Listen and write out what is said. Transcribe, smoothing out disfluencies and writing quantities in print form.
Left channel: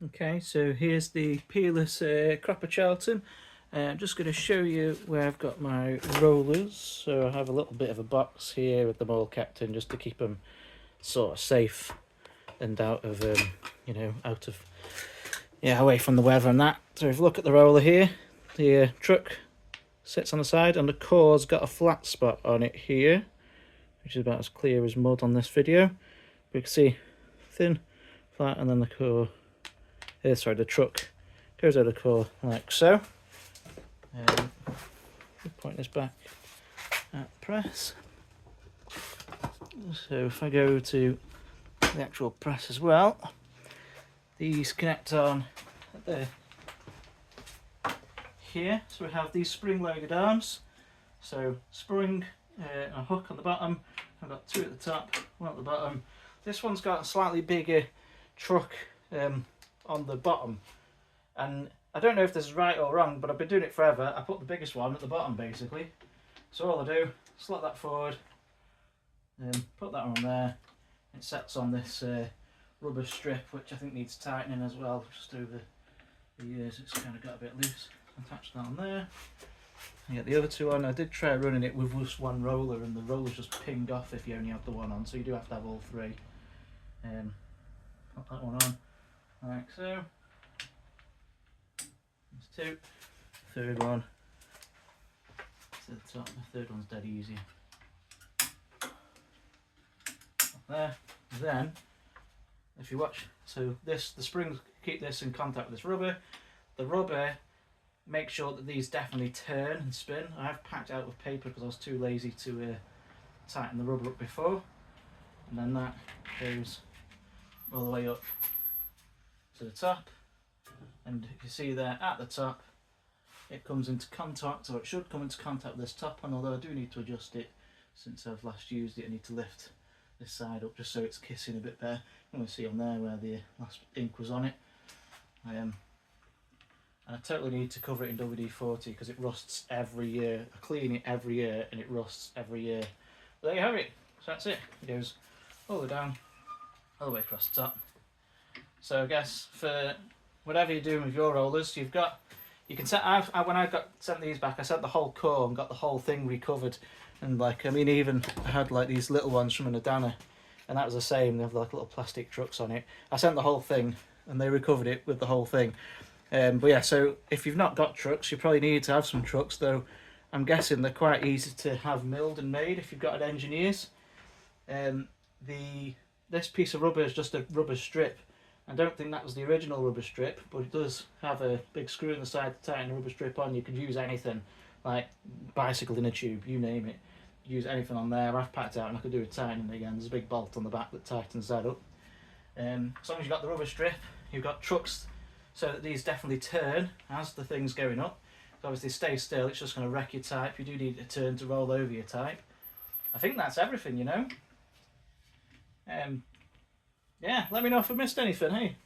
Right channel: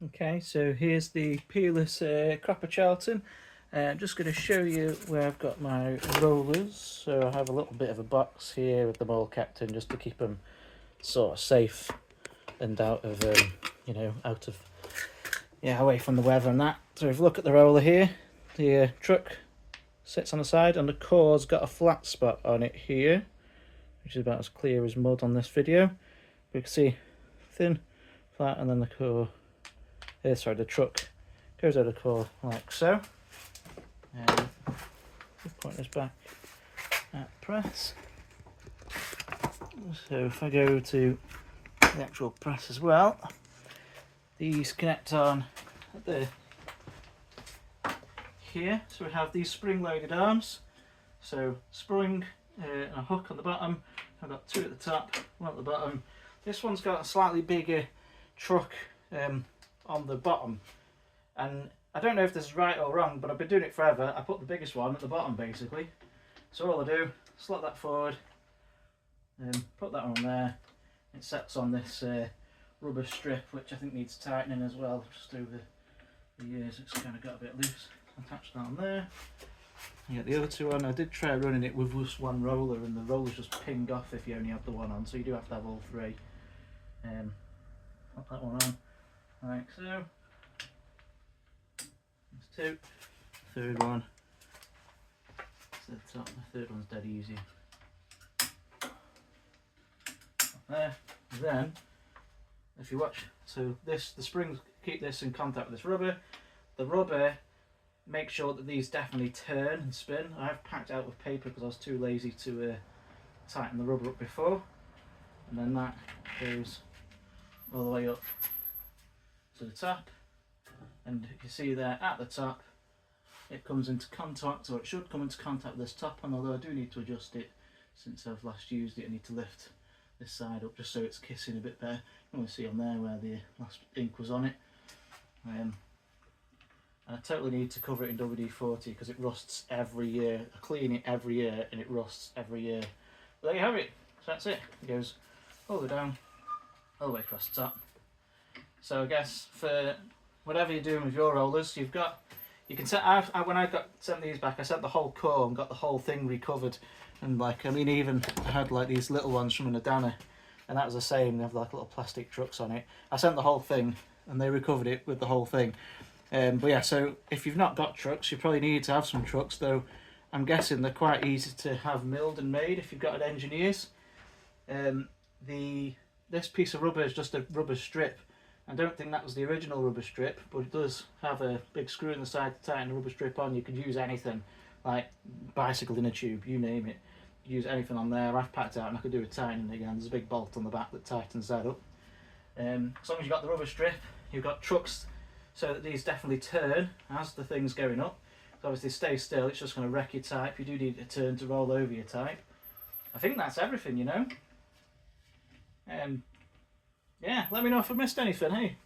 Okay, so here's the Peerless Cropper Charlton. I'm just going to show you where I've got my rollers. So I have a little bit of a box here with them all kept in, just to keep them sort of safe and out of, away from the weather and that. So if you look at the roller here, the truck sits on the side and the core's got a flat spot on it here, which is about as clear as mud on this video. But you can see thin, flat, and then the core. The truck goes out of the core like so. Point this back at press. So if I go to the actual press as well, these connect on there here. So we have these spring-loaded arms. So spring and a hook on the bottom. I've got two at the top, one at the bottom. This one's got a slightly bigger truck on the bottom, and I don't know if this is right or wrong, but I've been doing it forever. I put the biggest one at the bottom basically. So all I do, slot that forward, put that on there. It sets on this rubber strip, which I think needs tightening as well. Just over the years it's kind of got a bit loose. Attach that on there. You get the other two on. I did try running it with just one roller, and the rollers just ping off if you only have the one on, so you do have to have all three. Put that one on like so. There's two. Third one to the top. The third one's dead easy. There. Then, if you watch, so this, the springs keep this in contact with this rubber. The rubber makes sure that these definitely turn and spin. I've packed out with paper because I was too lazy to tighten the rubber up before. And then that goes all the way up to the top. And you can see there at the top, it comes into contact, or it should come into contact with this top one, although I do need to adjust it since I've last used it. I need to lift this side up just so it's kissing a bit better. You can see on there where the last ink was on it. And I totally need to cover it in WD-40 because it rusts every year. I clean it every year and it rusts every year. But there you have it. So that's it. It goes all the way down, all the way across the top. So I guess for whatever you're doing with your rollers, you can set. When I got sent these back, I sent the whole core and got the whole thing recovered. And even I had like these little ones from an Adana, and that was the same. They have like little plastic trucks on it. I sent the whole thing, and they recovered it with the whole thing. But yeah, so if you've not got trucks, you probably need to have some trucks, though I'm guessing they're quite easy to have milled and made if you've got an engineer's. This piece of rubber is just a rubber strip. I don't think that was the original rubber strip, but it does have a big screw in the side to tighten the rubber strip on. You could use anything, like bicycle in a tube, you name it. Use anything on there. I've packed out and I could do a tightening again. There's a big bolt on the back that tightens that up. As long as you've got the rubber strip, you've got trucks so that these definitely turn as the thing's going up. So obviously stay still, it's just going to wreck your type. You do need a turn to roll over your type. I think that's everything, you know. Yeah, let me know if I missed anything, hey.